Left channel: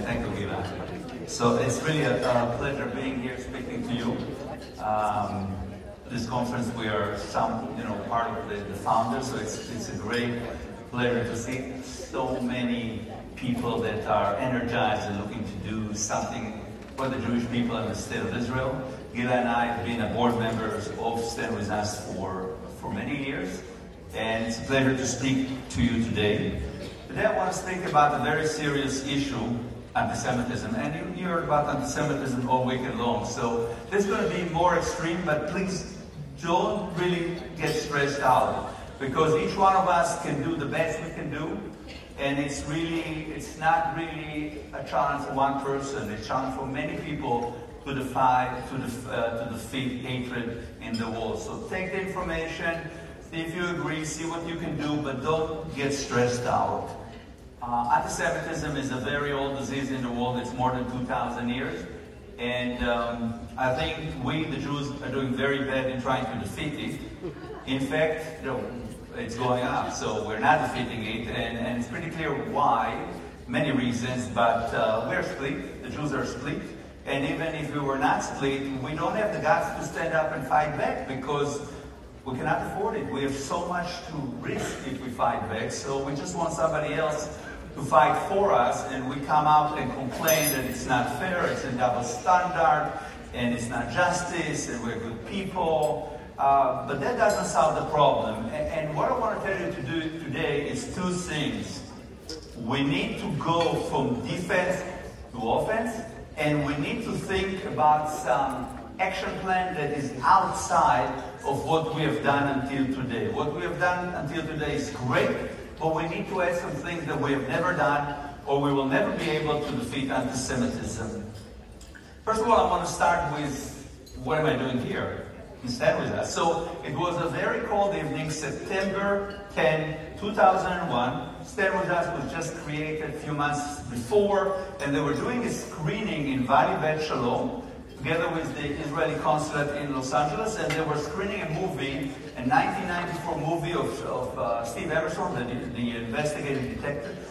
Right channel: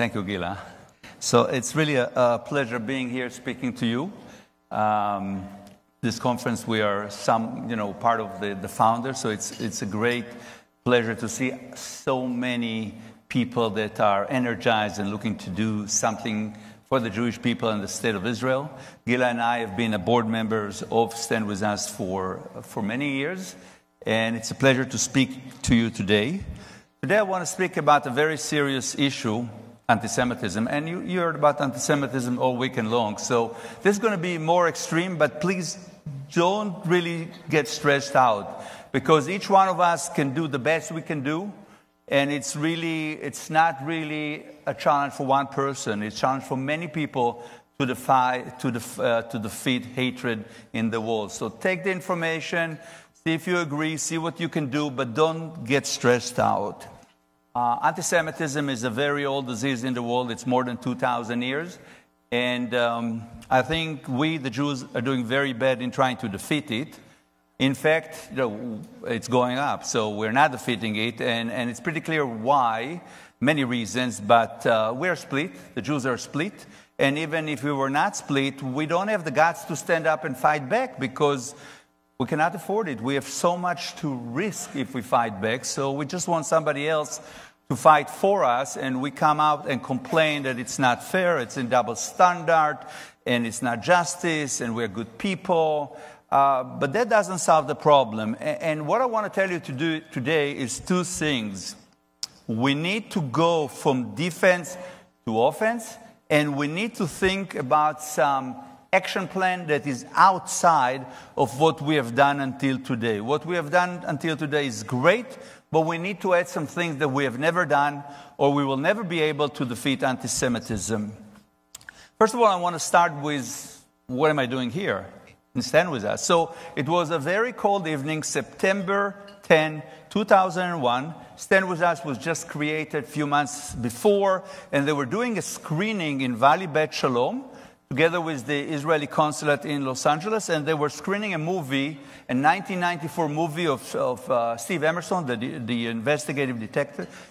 Thank you, Gila. So it's really a pleasure being here speaking to you. This conference, we are part of the founders, so it's a great pleasure to see so many people that are energized and looking to do something for the Jewish people in the state of Israel. Gila and I have been board members of StandWithUs for many years, and it's a pleasure to speak to you today. Today I want to speak about a very serious issue, anti-Semitism, and you heard about anti-Semitism all weekend long, so this is going to be more extreme, but please don't really get stressed out, because each one of us can do the best we can do, and it's not really a challenge for one person. It's a challenge for many people to defeat hatred in the world. So take the information, see if you agree, see what you can do, but don't get stressed out. Anti-Semitism is a very old disease in the world. It's more than 2,000 years. And I think we, the Jews, are doing very bad in trying to defeat it. In fact, it's going up, so we're not defeating it. And it's pretty clear why, many reasons, but we're split. The Jews are split. And even if we were not split, we don't have the guts to stand up and fight back, because we cannot afford it. We have so much to risk if we fight back, so we just want somebody else to fight for us, and we come out and complain that it's not fair, it's a double standard, and it's not justice, and we're good people. But that doesn't solve the problem. And what I want to tell you to do today is two things. We need to go from defense to offense, and we need to think about some action plan that is outside of what we have done until today. What we have done until today is great, but we need to add some things that we have never done, or we will never be able to defeat anti-Semitism. First of all, I want to start with, what am I doing here in StandWithUs? So it was a very cold evening, September 10, 2001. StandWithUs was just created a few months before, and they were doing a screening in Valley Bet Shalom, together with the Israeli consulate in Los Angeles, and they were screening a movie, a 1994 movie of Steve Emerson, the investigative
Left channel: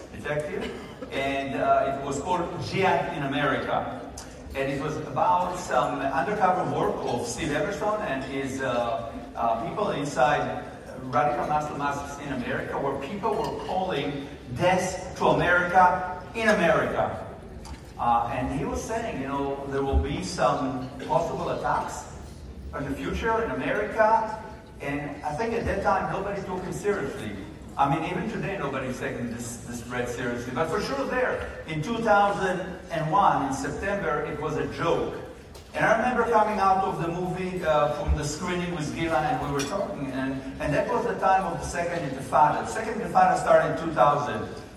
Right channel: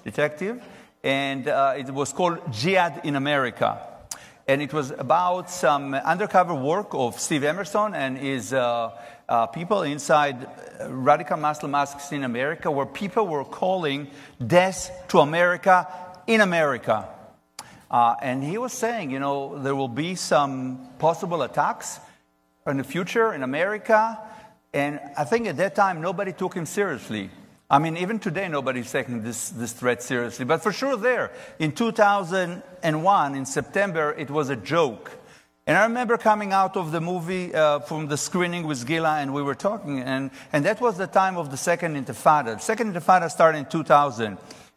detective, and it was called Jihad in America. And it was about some undercover work of Steve Emerson and his people inside radical Muslim mosques in America, where people were calling death to America in America. And he was saying, there will be some possible attacks in the future in America. And I think at that time, nobody took him seriously. I mean, even today, nobody's taking this threat seriously. But for sure there, in 2001, in September, it was a joke. And I remember coming out of the movie from the screening with Gila, and we were talking. And that was the time of the Second Intifada. The Second Intifada started in 2000.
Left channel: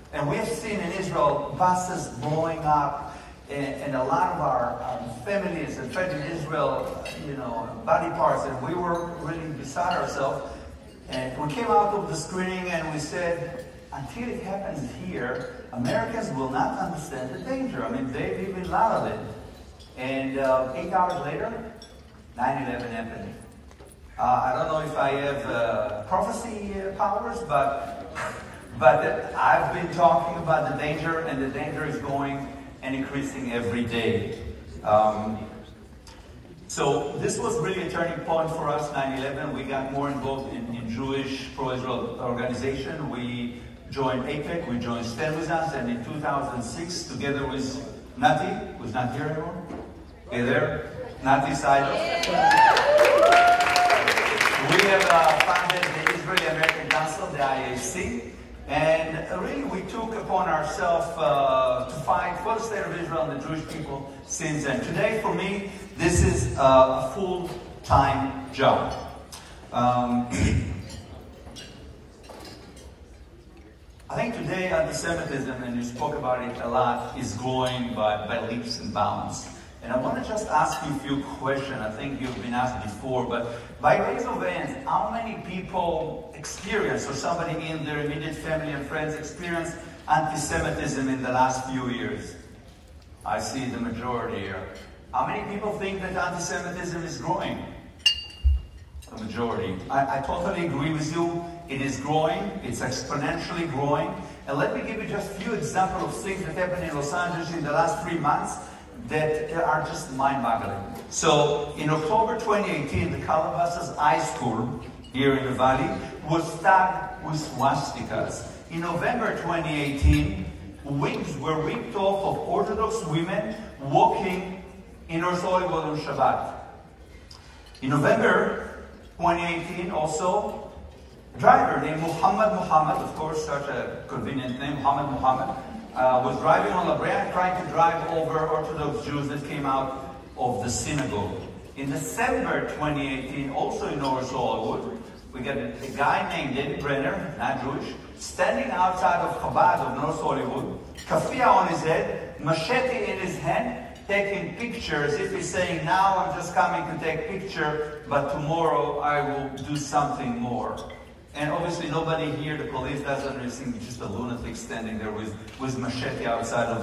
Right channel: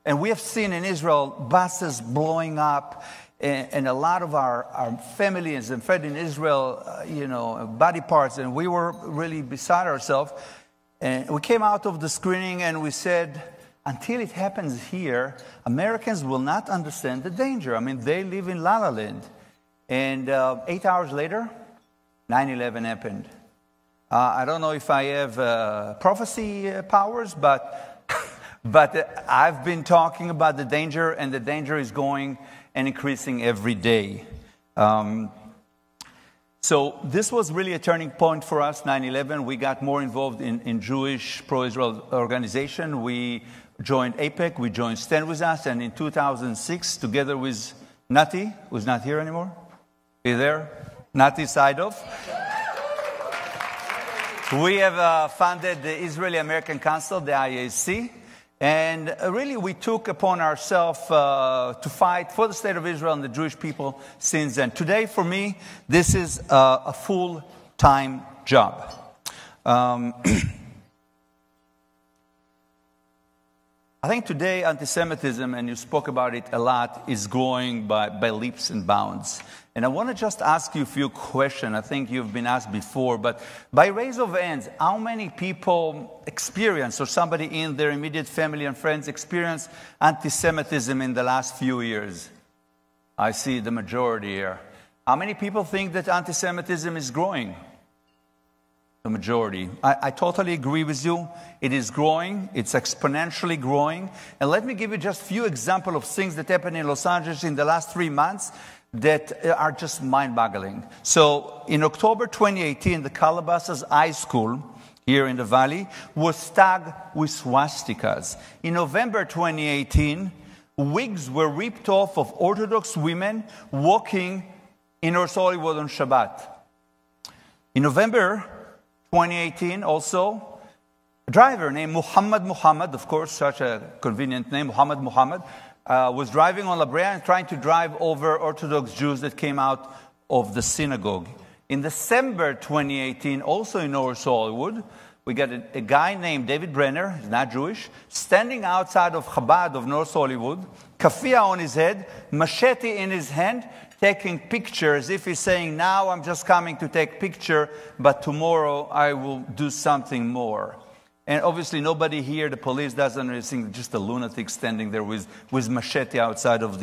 And we have seen in Israel buses blowing up, and a lot of our families and friends in Israel, body parts, and we were really beside ourselves. And we came out of the screening and we said, until it happens here, Americans will not understand the danger. I mean, they live in La La Land. And 8 hours later, 9/11 happened. I don't know if I have prophecy powers, but I've been talking about the danger, and the danger is going and increasing every day. So this was really a turning point for us, 9/11. We got more involved in Jewish pro-Israel organization. We joined AIPAC, we joined StandWithUs, and in 2006, together with Nati, who's not here anymore. Are you there? Nati Saido. We have founded the Israeli-American Council, the IAC. And really, we took upon ourselves to fight for the state of Israel and the Jewish people since then. Today, for me, this is a full-time job. I think today, anti-Semitism, and you spoke about it a lot, is growing by leaps and bounds. And I want to just ask you a few questions. I think you've been asked before, but by raise of hands, how many people experience, or somebody in their immediate family and friends experience anti-Semitism in the last few years? I see the majority here. How many people think that anti-Semitism is growing? the majority. I totally agree with you. It is growing. It's exponentially growing. And let me give you just a few examples of things that happened in Los Angeles in the last 3 months that are just mind-boggling. So in October 2018, the Calabasas High School here in the Valley was tagged with swastikas. In November 2018, wigs were ripped off of Orthodox women walking in North Hollywood on Shabbat. In November 2018, also, a driver named Muhammad, of course, such a convenient name, Muhammad, was driving on La Brea trying to drive over Orthodox Jews that came out of the synagogue. In December 2018, also in North Hollywood, we got a guy named David Brenner, not Jewish, standing outside of Chabad of North Hollywood, kafia on his head, machete in his hand, taking pictures, if he's saying, now I'm just coming to take picture, but tomorrow I will do something more. And obviously nobody here, the police doesn't really think, just a lunatic standing there with machete outside of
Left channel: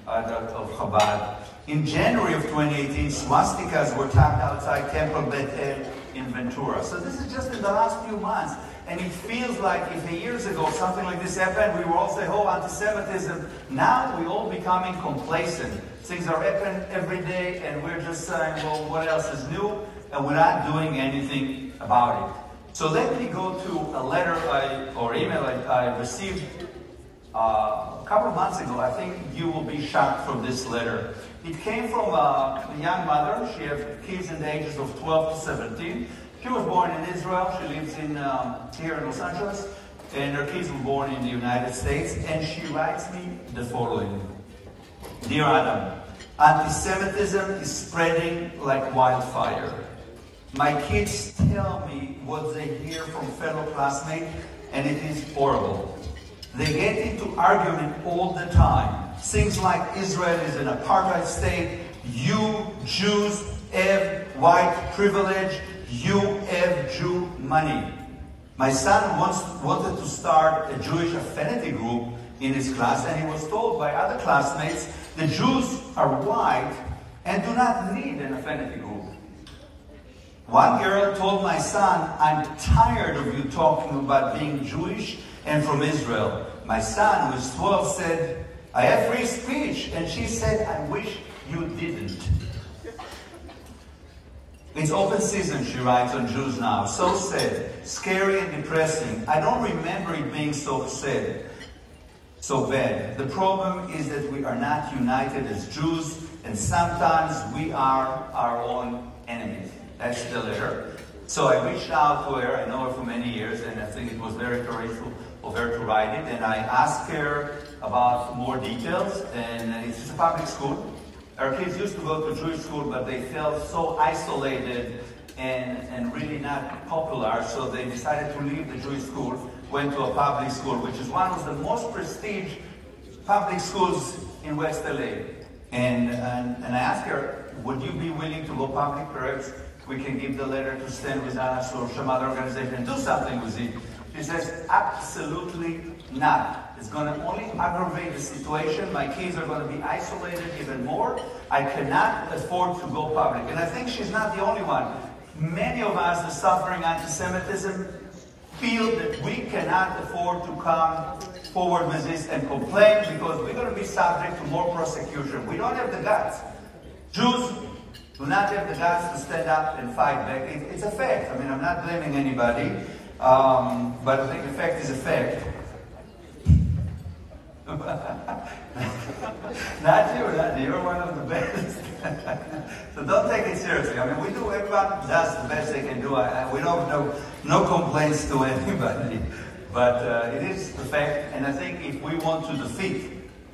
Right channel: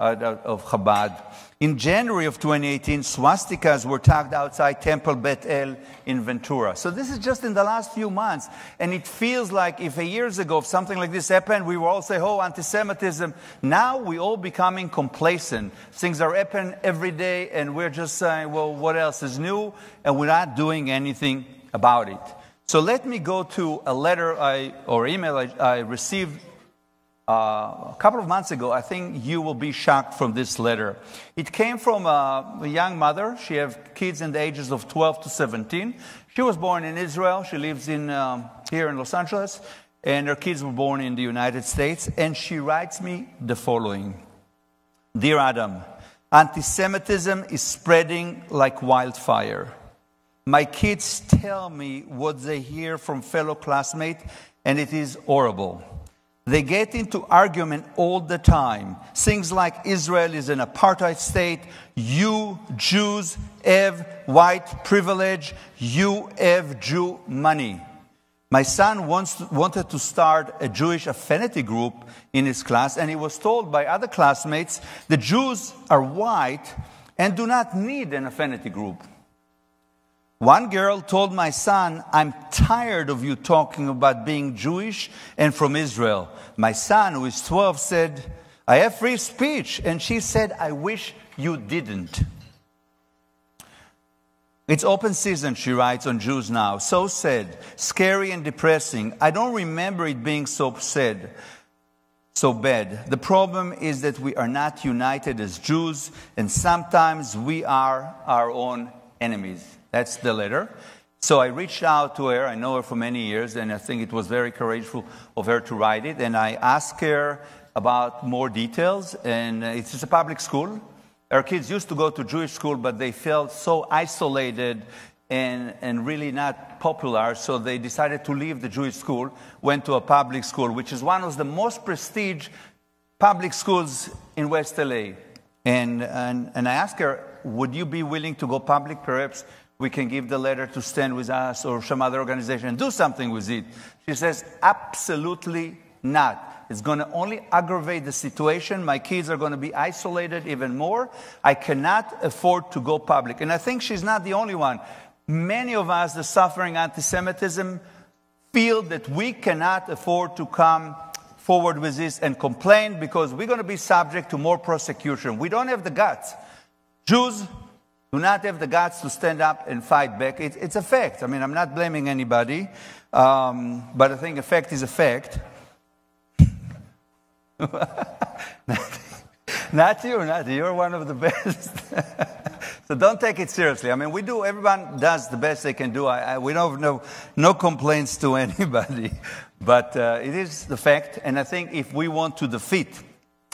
Chabad. In January of 2018, swastikas were tagged outside Temple Bet El in Ventura. So this is just in the last few months. And it feels like if years ago something like this happened, we were all saying, oh, anti-Semitism. Now we're all becoming complacent. Things are happening every day, and we're just saying, well, what else is new? And we're not doing anything about it. So let me go to a letter or email I received a couple of months ago. I think you will be shocked from this letter. It came from a young mother. She has kids in the ages of 12 to 17. She was born in Israel. She lives here in Los Angeles. And her kids were born in the United States. And she writes me the following. Dear Adam, anti-Semitism is spreading like wildfire. My kids tell me what they hear from fellow classmates, and it is horrible. They get into argument all the time. Things like Israel is an apartheid state, you Jews have white privilege, you have Jew money. My son wanted to start a Jewish affinity group in his class, and he was told by other classmates the Jews are white and do not need an affinity group. One girl told my son, I'm tired of you talking about being Jewish and from Israel. My son, who is 12, said, I have free speech. And she said, I wish you didn't. It's open season, she writes, on Jews now. So sad, scary and depressing. I don't remember it being so sad, so bad. The problem is that we are not united as Jews, and sometimes we are our own enemies. That's the letter. So I reached out to her. I know her for many years, and I think it was very courageous of her to write it. And I asked her about more details, and it's just a public school. Our kids used to go to Jewish school, but they felt so isolated and really not popular, so they decided to leave the Jewish school, went to a public school, which is one of the most prestigious public schools in West LA. And I asked her, would you be willing to go public? Perhaps we can give the letter to StandWithUs or some other organization and do something with it. She says, absolutely not. It's going to only aggravate the situation. My kids are going to be isolated even more. I cannot afford to go public. And I think she's not the only one. Many of us that suffering anti-Semitism feel that we cannot afford to come forward with this and complain because we're going to be subject to more prosecution. We don't have the guts. Jews do not have the guts to stand up and fight back. It's a fact. I mean, I'm not blaming anybody, but I think a fact is a fact. Not you. You're one of the best. So don't take it seriously. I mean, everyone does the best they can do. We don't have no complaints to anybody. But it is the fact, and I think if we want to defeat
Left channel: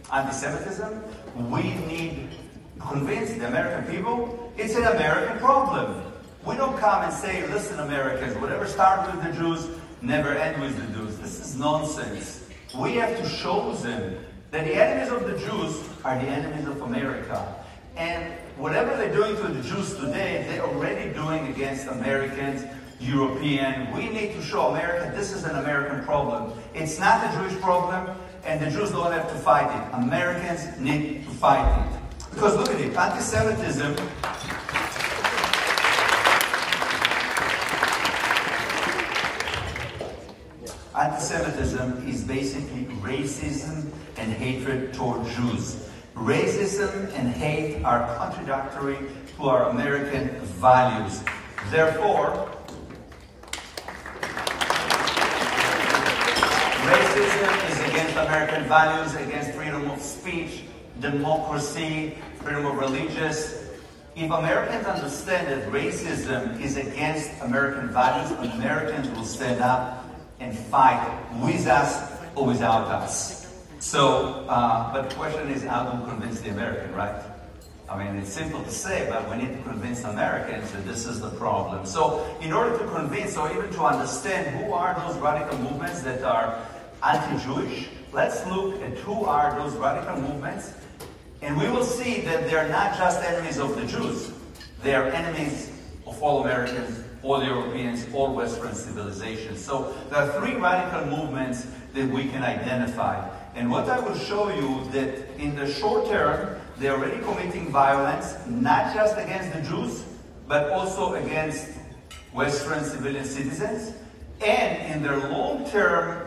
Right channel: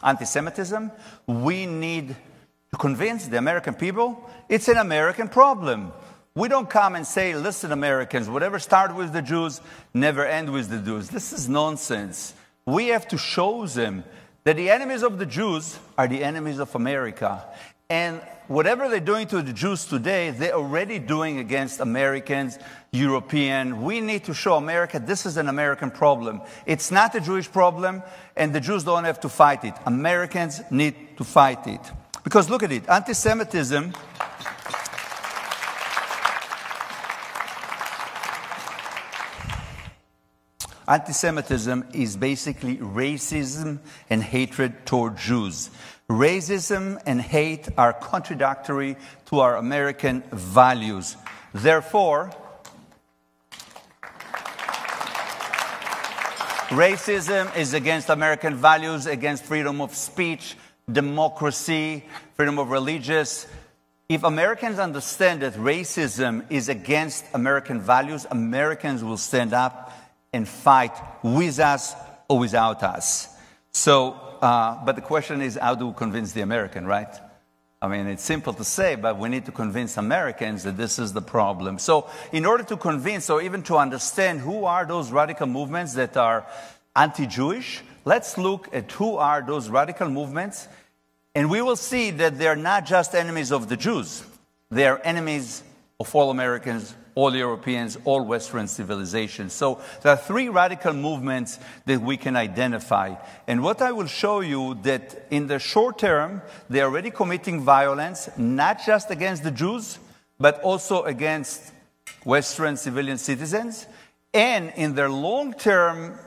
anti-Semitism, we need to convince the American people it's an American problem. We don't come and say, listen, Americans, whatever start with the Jews, never end with the Jews. This is nonsense. We have to show them that the enemies of the Jews are the enemies of America. And whatever they're doing to the Jews today, they're already doing against Americans, European. We need to show America this is an American problem. It's not a Jewish problem, and the Jews don't have to fight it. Americans need to fight it. Because look at it, anti-Semitism Anti-Semitism is basically racism and hatred toward Jews. Racism and hate are contradictory to our American values. Therefore, racism is against American values, against freedom of speech, democracy, freedom of religious. If Americans understand that racism is against American values, Americans will stand up and fight with us or without us. So, but the question is, how do we convince the American, right? I mean, it's simple to say, but we need to convince Americans that this is the problem. So, in order to convince or even to understand who are those radical movements that are anti-Jewish, let's look at who are those radical movements. And we will see that they're not just enemies of the Jews. They're enemies of all Americans, all Europeans, all Western civilizations. So there are three radical movements that we can identify. And what I will show you that in the short term, they're already committing violence, not just against the Jews, but also against Western civilian citizens. And in their long-term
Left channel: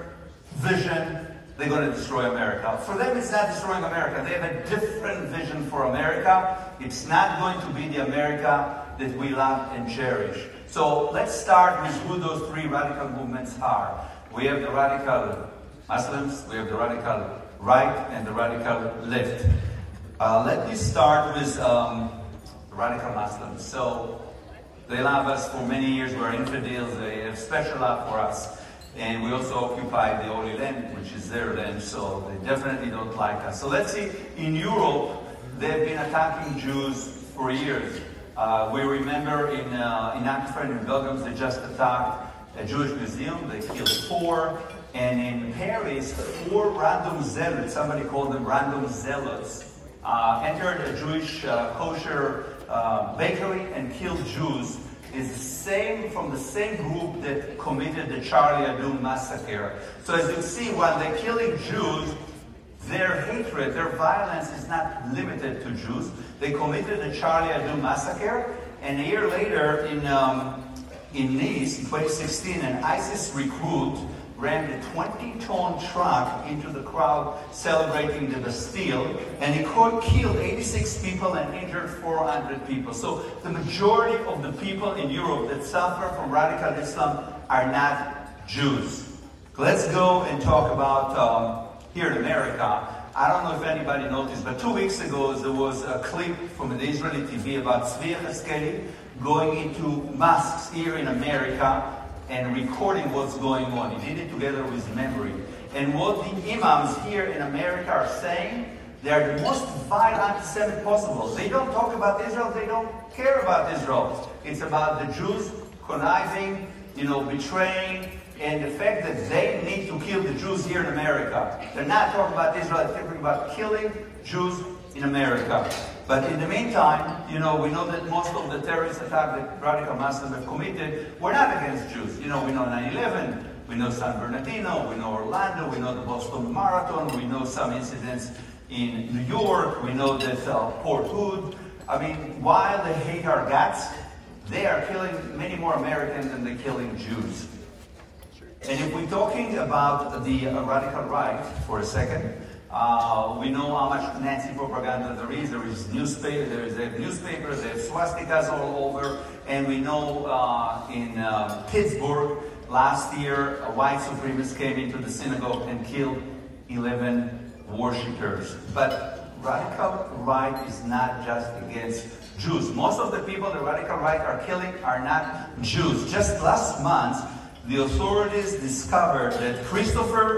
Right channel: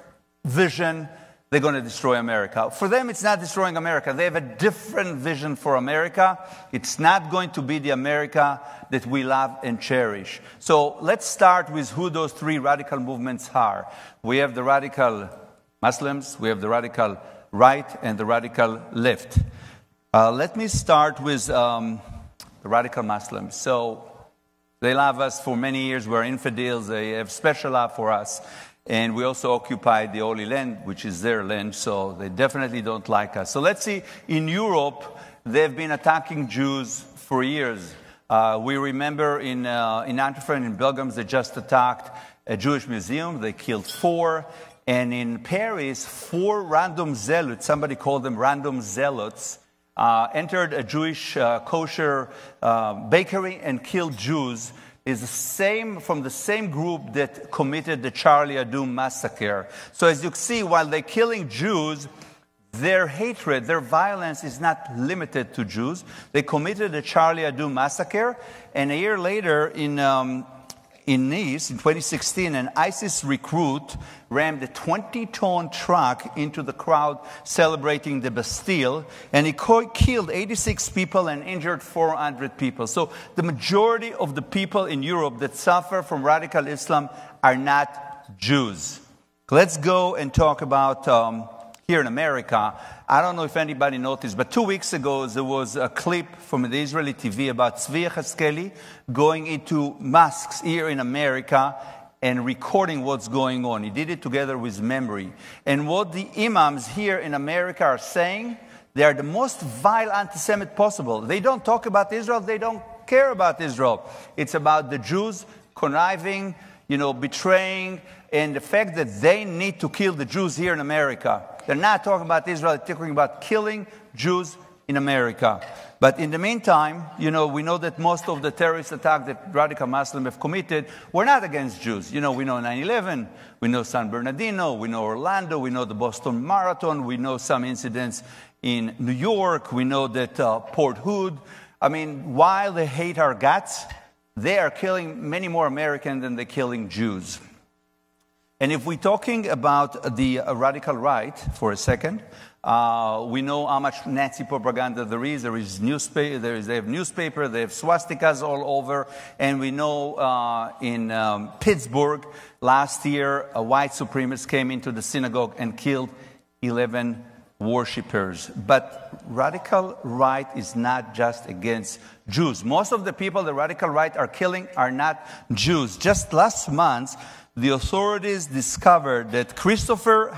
vision, they're going to destroy America. For them, it's not destroying America. They have a different vision for America. It's not going to be the America that we love and cherish. So let's start with who those three radical movements are. We have the radical Muslims, we have the radical right, and the radical left. Let me start with the radical Muslims. So they love us for many years. We're infidels. They have special love for us. And we also occupy the Holy Land, which is their land, so they definitely don't like us. So let's see, in Europe, they've been attacking Jews for years. We remember in Antwerp, in Belgium, they just attacked a Jewish museum. They killed 4. And in Paris, 4 random zealots, somebody called them random zealots, entered a Jewish kosher bakery and killed Jews. Is from the same group that committed the Charlie Hebdo massacre. So as you see, while they're killing Jews, their hatred, their violence is not limited to Jews. They committed the Charlie Hebdo massacre, and a year later in Nice, in 2016, an ISIS recruit ran a 20-ton truck into the crowd celebrating the Bastille, and he killed 86 people and injured 400 people. So the majority of the people in Europe that suffer from radical Islam are not Jews. Let's go and talk about here in America. I don't know if anybody noticed, but 2 weeks ago there was a clip from the Israeli TV about Tzvi Yechezkeli going into mosques here in America and recording what's going on. He did it together with memory. And what the imams here in America are saying, they are the most vile anti-Semite possible. They don't talk about Israel, they don't care about Israel. It's about the Jews conniving, betraying, and the fact that they need to kill the Jews here in America. They're not talking about Israel, they're talking about killing Jews in America. But in the meantime, we know that most of the terrorist attacks that radical Muslims have committed were not against Jews. We know 9/11, we know San Bernardino, we know Orlando, we know the Boston Marathon, we know some incidents in New York, we know that Port Hood. I mean, while they hate our guts, they are killing many more Americans than they're killing Jews. And if we're talking about the radical right for a second, we know how much Nazi propaganda there is. There is newspaper, they have newspaper, they have swastikas all over. And we know in Pittsburgh last year, a white supremacist came into the synagogue and killed 11 worshippers. But radical right is not just against Jews. Most of the people the radical right are killing are not Jews. Just last month, the authorities discovered that Christopher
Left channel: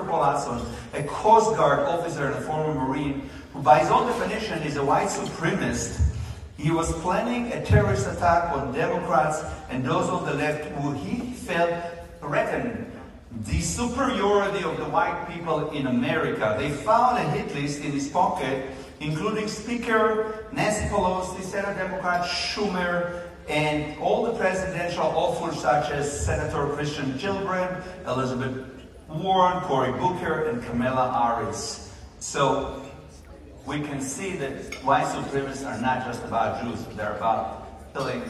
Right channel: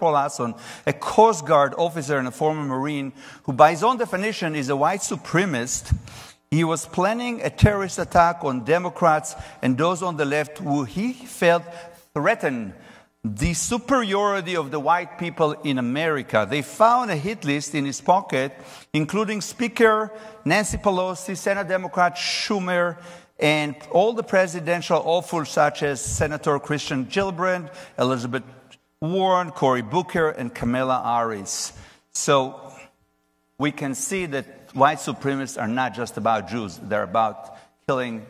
Paul Hasson, a Coast Guard officer and a former Marine, who by his own definition is a white supremacist, he was planning a terrorist attack on Democrats and those on the left who he felt threatened the superiority of the white people in America. They found a hit list in his pocket, including Speaker Nancy Pelosi, Senate Democrat Schumer, and all the presidential hopefuls such as Senator Christian Gillibrand, Elizabeth Warren, Cory Booker, and Kamala Harris. So we can see that white supremacists are not just about Jews. They're about killing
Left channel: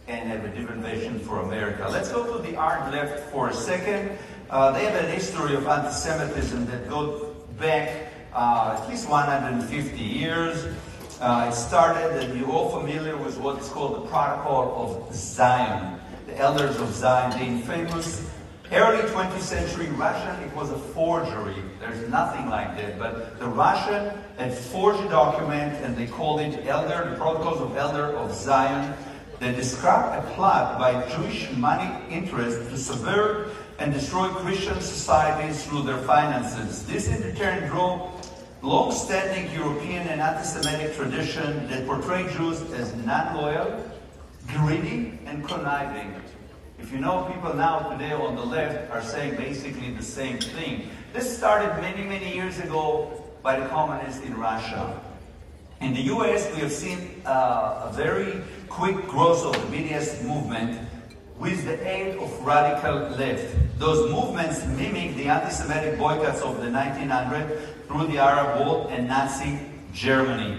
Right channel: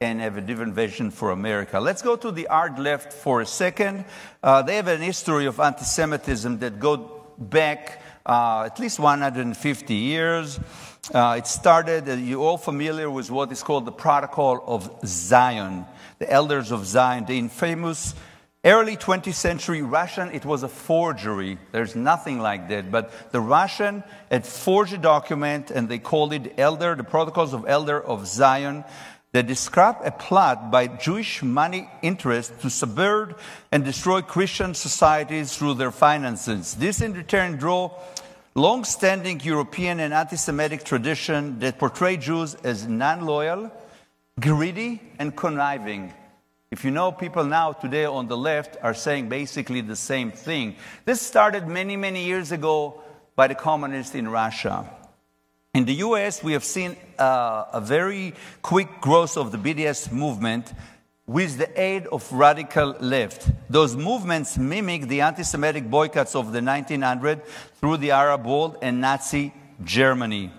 and have a different vision for America. Let's go to the hard left for a second. They have a history of anti-Semitism that goes back at least 150 years. It started, and you're all familiar with what is called the Protocol of Zion, the Elders of Zion, the infamous early 20th century Russian. It was a forgery. There's nothing like that. But the Russian had forged a document, and they called it the Protocols of Elder of Zion, that describe a plot by Jewish money interests to subvert and destroy Christian societies through their finances. This in turn drew long-standing European and anti-Semitic tradition that portrayed Jews as non-loyal, greedy, and conniving. If you know, people now today on the left are saying basically the same thing. This started many, many years ago by the communists in Russia. In the US, we have seen a very quick growth of the BDS movement with the aid of radical left. Those movements mimic the anti-Semitic boycotts of the 1900s through the Arab world and Nazi Germany.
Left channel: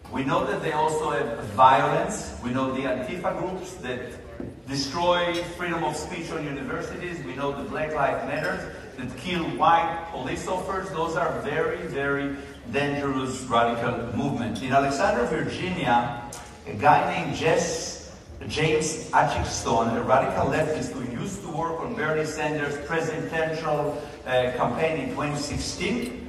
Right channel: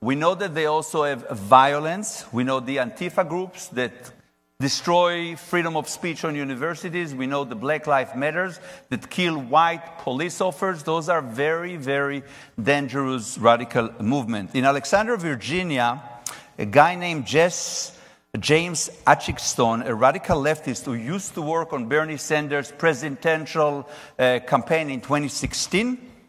We know that they also have violence. We know the Antifa groups that destroy freedom of speech on universities. We know the Black Lives Matter that kill white police officers. Those are very, very dangerous radical movements. In Alexandria, Virginia, a guy named James Atchison, a radical leftist who used to work on Bernie Sanders' presidential campaign in 2016,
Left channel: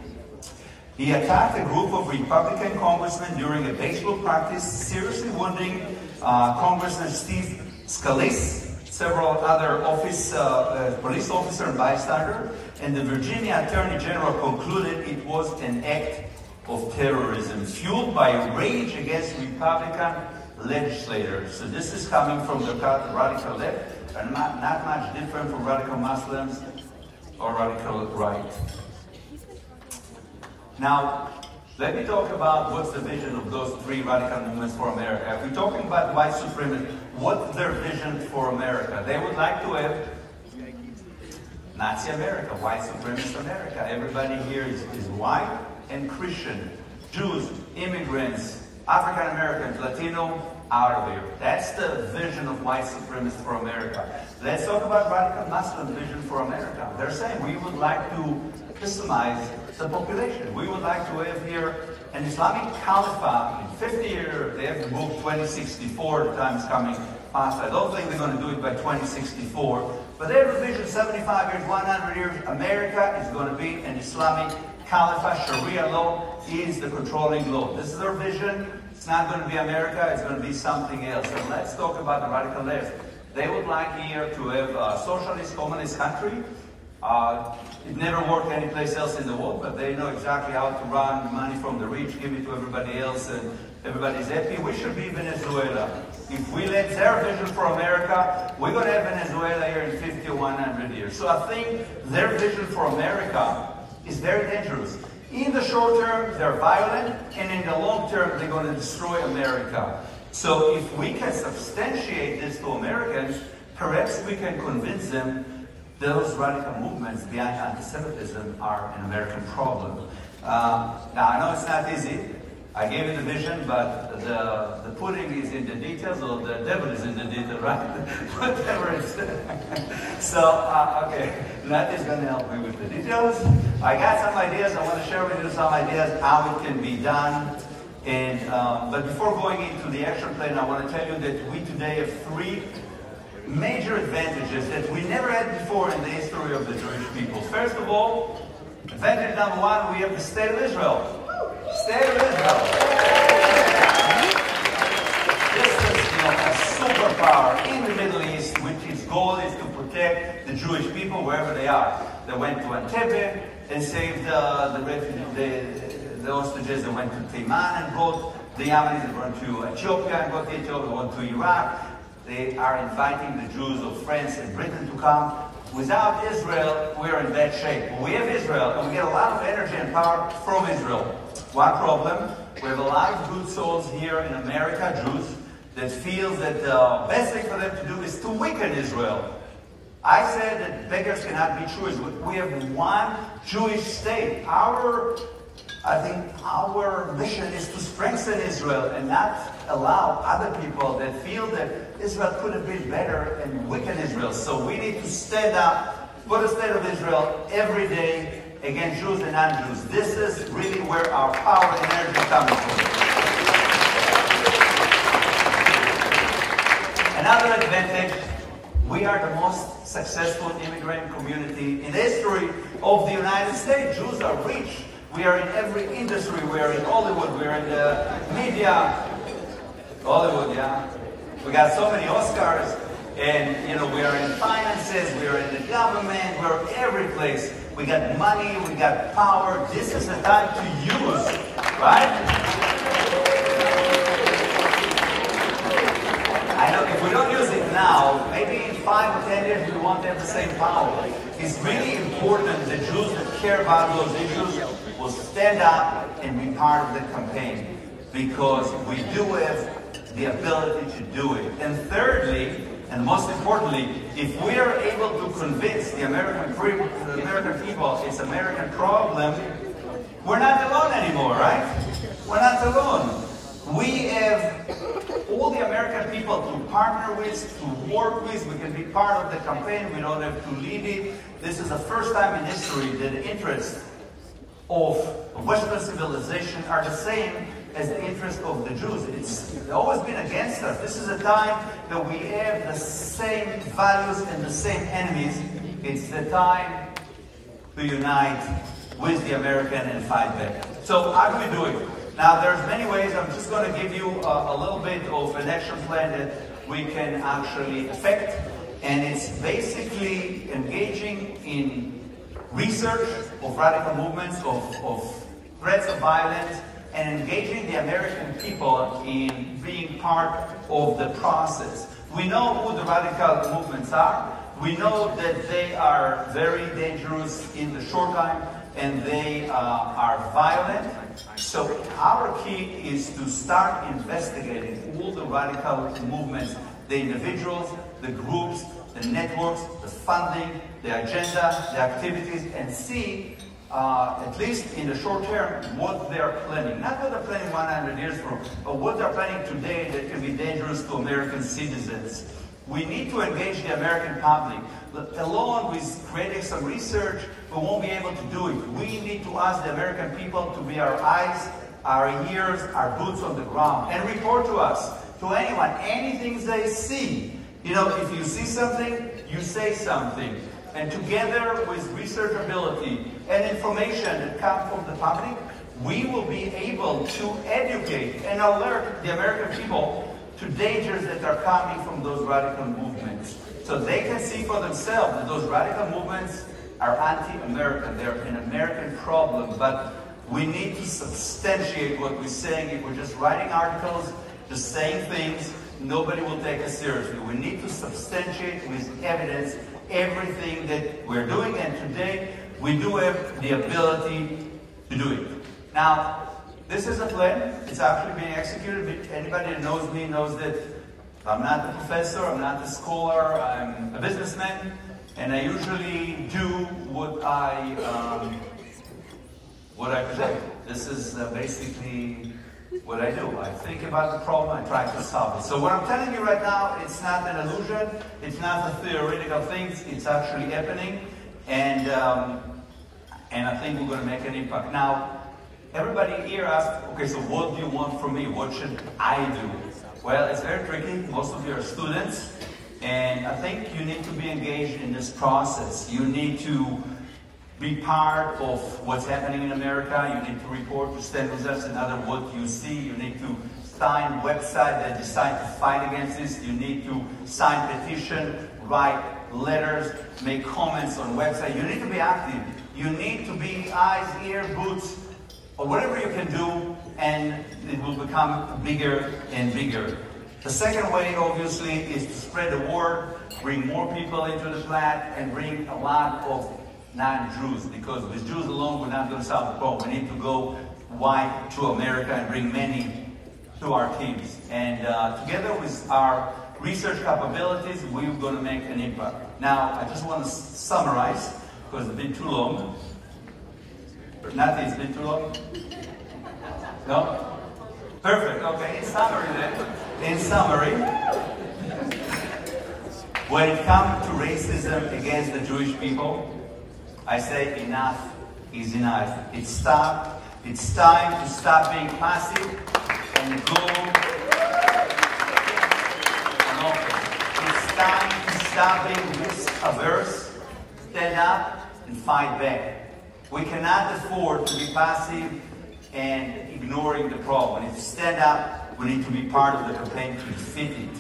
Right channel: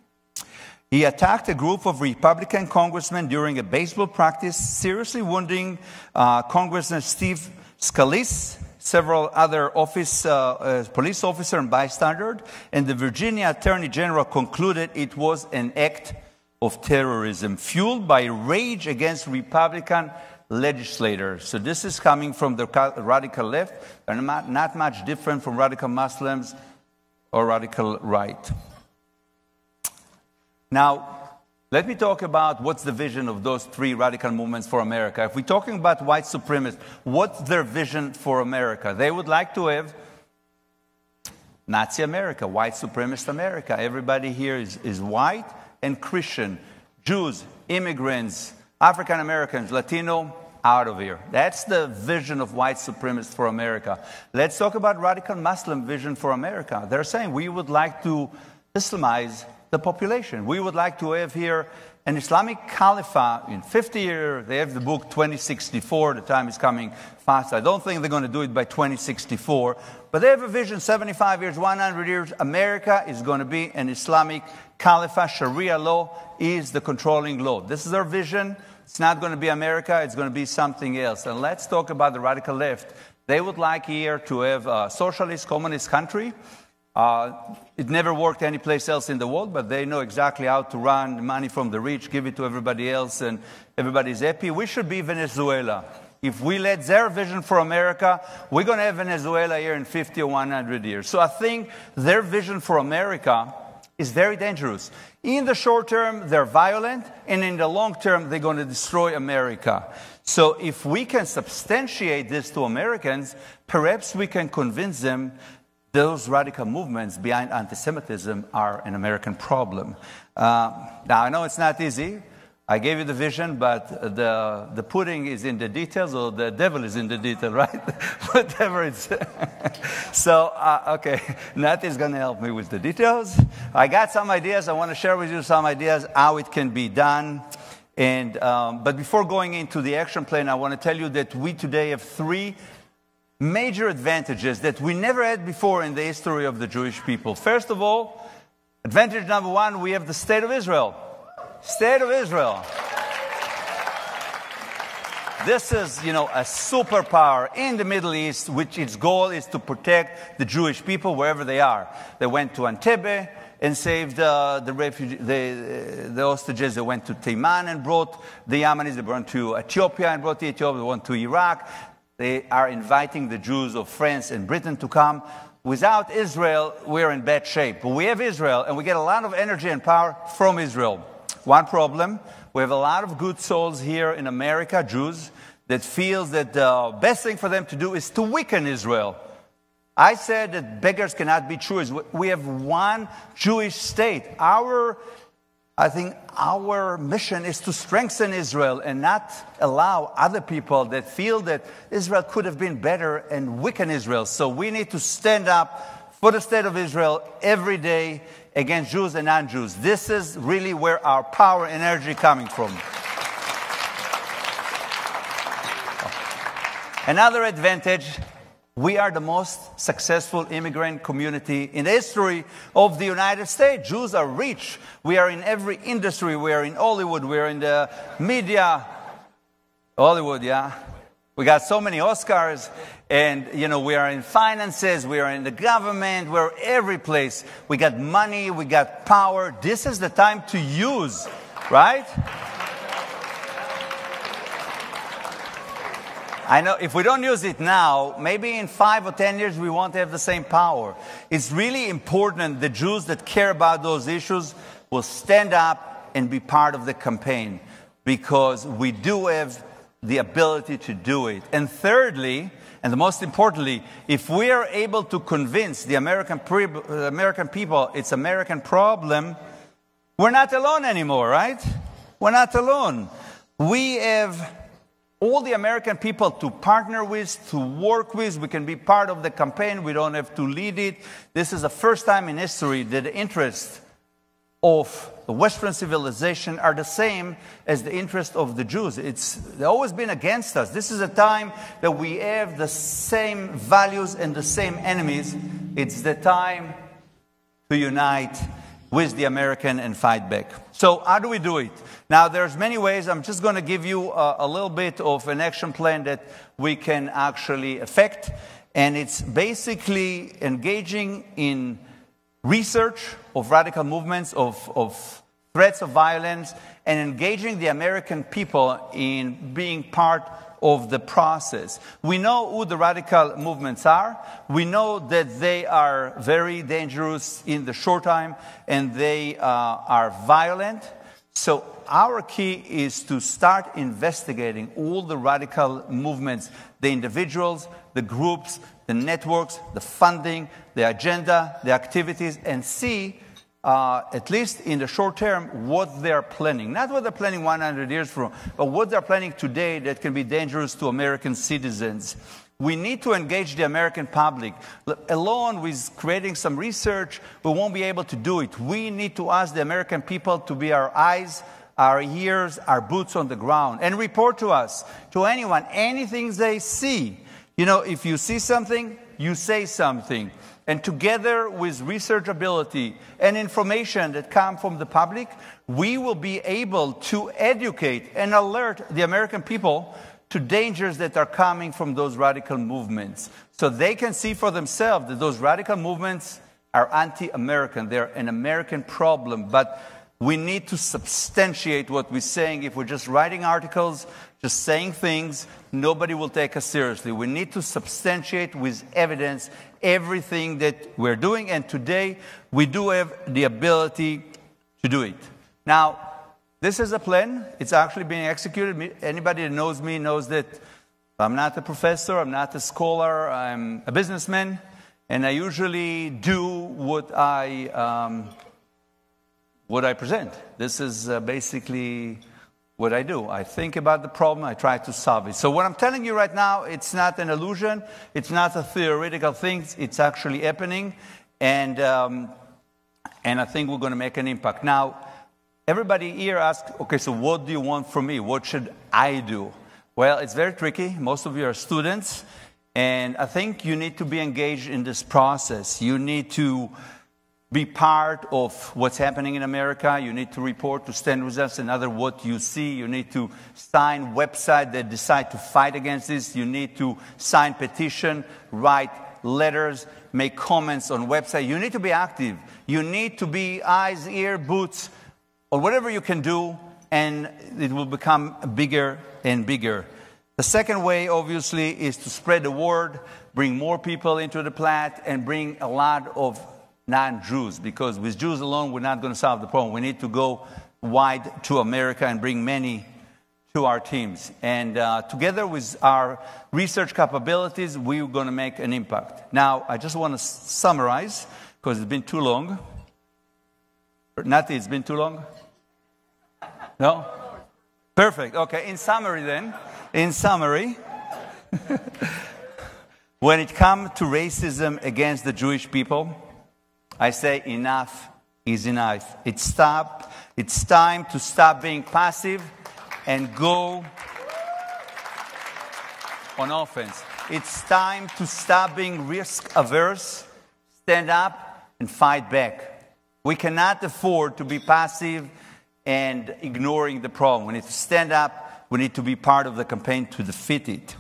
he attacked a group of Republican congressmen during a baseball practice, seriously wounding Congressman Steve Scalise, several other police officers and bystanders, and the Virginia Attorney General concluded it was an act of terrorism fueled by rage against Republican legislators. So this is coming from the radical left, and not much different from radical Muslims or radical right. Now, let me talk about what's the vision of those three radical movements for America. If we're talking about white supremacists, what's their vision for America? They would like to have Nazi America, white supremacist America. Everybody here is white and Christian. Jews, immigrants, African Americans, Latino, out of here. That's the vision of white supremacists for America. Let's talk about radical Muslim vision for America. They're saying we would like to Islamize the population. We would like to have here an Islamic caliphate in 50 years. They have the book 2064. The time is coming fast. I don't think they're going to do it by 2064. But they have a vision, 75 years, 100 years. America is going to be an Islamic caliphate. Sharia law is the controlling law. This is their vision. It's not going to be America. It's going to be something else. So let's talk about the radical left. They would like here to have a socialist, communist country. It never worked anyplace else in the world, but they know exactly how to run money from the rich, give it to everybody else, and everybody's happy. We should be Venezuela. If we let their vision for America, we're going to have Venezuela here in 50 or 100 years. So I think their vision for America is very dangerous. In the short term, they're violent, and in the long term, they're going to destroy America. So if we can substantiate this to Americans, perhaps we can convince them those radical movements behind anti-Semitism are an American problem. Now, I know it's not easy. I gave you the vision, but the pudding is in the details, or the devil is in the detail, right? Whatever it's. So, okay, Nat is going to help me with the details. I got some ideas. I want to share with you some ideas how it can be done. And but before going into the action plan, I want to tell you that we today have three major advantages that we never had before in the history of the Jewish people. First of all, advantage number one, we have the State of Israel. State of Israel. This is, a superpower in the Middle East, which its goal is to protect the Jewish people wherever they are. They went to Entebbe and saved the hostages. They went to Taiman and brought the Yemenis. They went to Ethiopia and brought the Ethiopians. They went to Iraq. They are inviting the Jews of France and Britain to come. Without Israel, we're in bad shape. But we have Israel, and we get a lot of energy and power from Israel. One problem, we have a lot of good souls here in America, Jews, that feel that the best thing for them to do is to weaken Israel. I said that beggars cannot be choosers. We have one Jewish state. Our I think our mission is to strengthen Israel and not allow other people that feel that Israel could have been better and weaken Israel. So we need to stand up for the state of Israel every day against Jews and non-Jews. This is really where our power and energy comes from. Another advantage, we are the most successful immigrant community in the history of the United States. Jews are rich. We are in every industry. We are in Hollywood. We are in the media. Hollywood, yeah. We got so many Oscars. And, you know, we are in finances. We are in the government. We're every place. We got money. We got power. This is the time to use, right? I know if we don't use it now, maybe in 5 or 10 years we won't have the same power. It's really important the Jews that care about those issues will stand up and be part of the campaign, because we do have the ability to do it. And thirdly, and the most importantly, if we are able to convince the American people it's American problem, we're not alone anymore, right? We're not alone. We have all the American people to partner with, to work with. We can be part of the campaign. We don't have to lead it. This is the first time in history that the interests of the Western civilization are the same as the interests of the Jews. They've always been against us. This is a time that we have the same values and the same enemies. It's the time to unite with the American and fight back. So how do we do it? Now, there's many ways. I'm just going to give you a little bit of an action plan that we can actually affect. And it's basically engaging in research of radical movements, of threats of violence, and engaging the American people in being part of the process. We know who the radical movements are. We know that they are very dangerous in the short time, and they are violent. So our key is to start investigating all the radical movements, the individuals, the groups, the networks, the funding, the agenda, the activities, and see, at least in the short term, what they're planning. Not what they're planning 100 years from, but what they're planning today that can be dangerous to American citizens. We need to engage the American public. Alone with creating some research, we won't be able to do it. We need to ask the American people to be our eyes, our ears, our boots on the ground, and report to us, to anyone, anything they see. You know, if you see something, you say something. And together with research ability and information that come from the public, we will be able to educate and alert the American people to dangers that are coming from those radical movements. So they can see for themselves that those radical movements are anti-American. They're an American problem. But we need to substantiate what we're saying. If we're just writing articles, just saying things, nobody will take us seriously. We need to substantiate with evidence everything that we're doing. And today, we do have the ability to do it. Now, this is a plan. It's actually being executed. Anybody that knows me knows that I'm not a professor, I'm not a scholar, I'm a businessman, and I usually do what I present. This is basically what I do. I think about the problem, I try to solve it. So what I'm telling you right now, it's not an illusion, it's not a theoretical thing, it's actually happening, and I think we're going to make an impact. Now, everybody here asks, okay, so what do you want from me? What should I do? Well, it's very tricky. Most of you are students, and I think you need to be engaged in this process. You need to be part of what's happening in America. You need to report to StandWithUs and other what you see. You need to sign website that decide to fight against this. You need to sign petition, write letters, make comments on website. You need to be active. You need to be eyes, ear, boots, or whatever you can do, and it will become bigger and bigger. The second way, obviously, is to spread the word, bring more people into the plat, and bring a lot of non-Jews, because with Jews alone, we're not going to solve the problem. We need to go wide to America and bring many to our teams. And together with our research capabilities, we're going to make an impact. Now, I just want to summarize, because it's been too long. Nati, it's been too long? No? Perfect. Okay, in summary then. In summary, when it comes to racism against the Jewish people, I say enough is enough. It's time to stop being passive and go on offense. It's time to stop being risk-averse, stand up and fight back. We cannot afford to be passive and ignoring the problem. We need to stand up. We need to be part of the campaign to defeat it.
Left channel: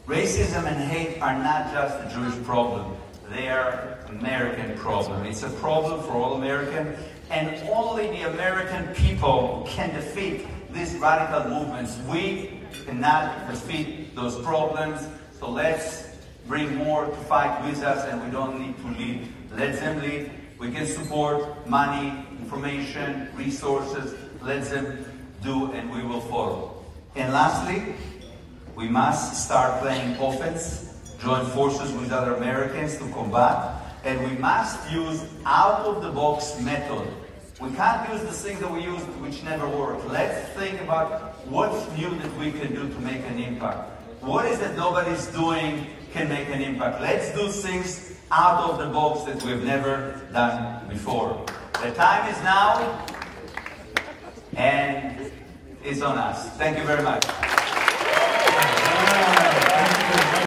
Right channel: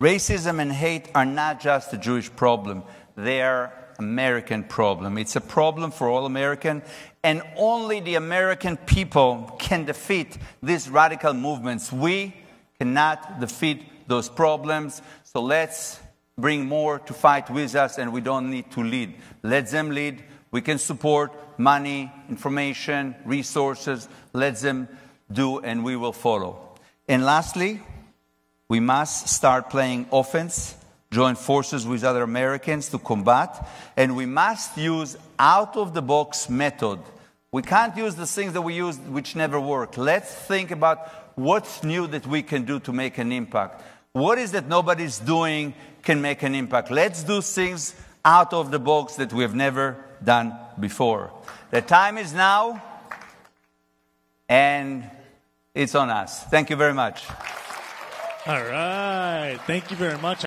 Racism and hate are not just a Jewish problem. They are an American problem. It's a problem for all Americans, and only the American people can defeat these radical movements. We cannot defeat those problems, so let's bring more to fight with us, and we don't need to lead. Let them lead. We can support money, information, resources. Let them do, and we will follow. And lastly, we must start playing offense, join forces with other Americans to combat, and we must use out-of-the-box method. We can't use the things that we used which never work. Let's think about what's new that we can do to make an impact. What is that nobody's doing can make an impact? Let's do things out of the box that we've never done before. The time is now, and it's on us. Thank you very much.